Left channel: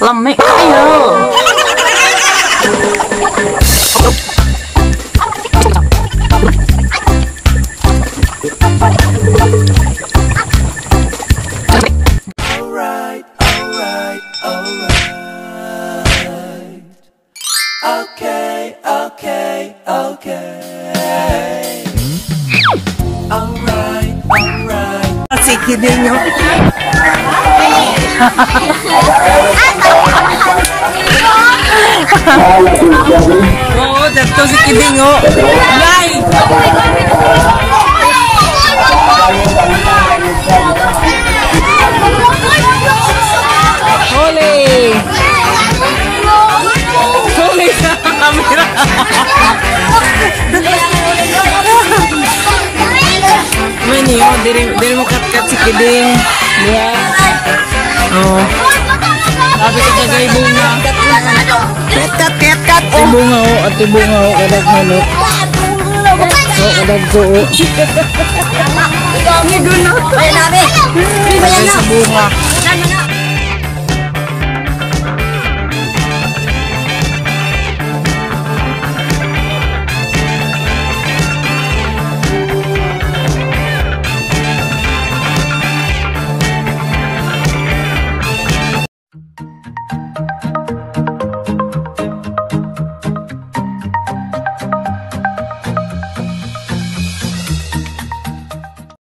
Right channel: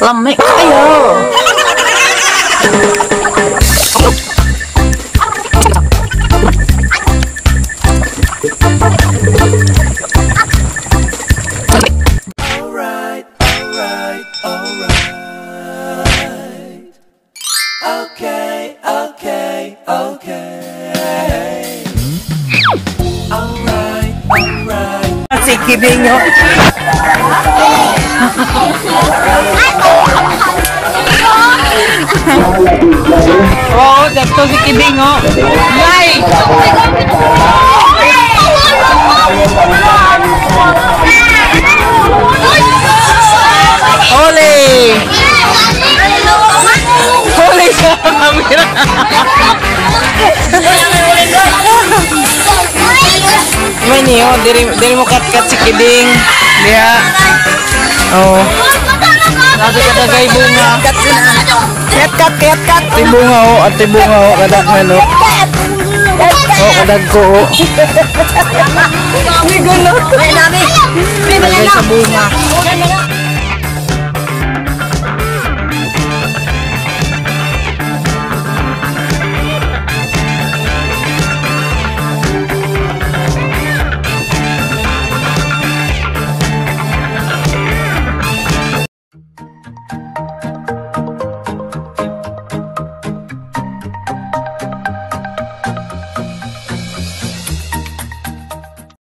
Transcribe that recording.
Lamig kayo. Si Kidingo. Oh, dato si Kidingo. Nay! Ole! Ole sa kamera. Mani, oh, diri mo kat si Kiding. Yeah. Oh. Sabi ka dagay bunga. Kat. Ati bunga, oh. Ati bunga, oh. Kadak manok. Oh, kadag ko, oh. Dagay sa bunga.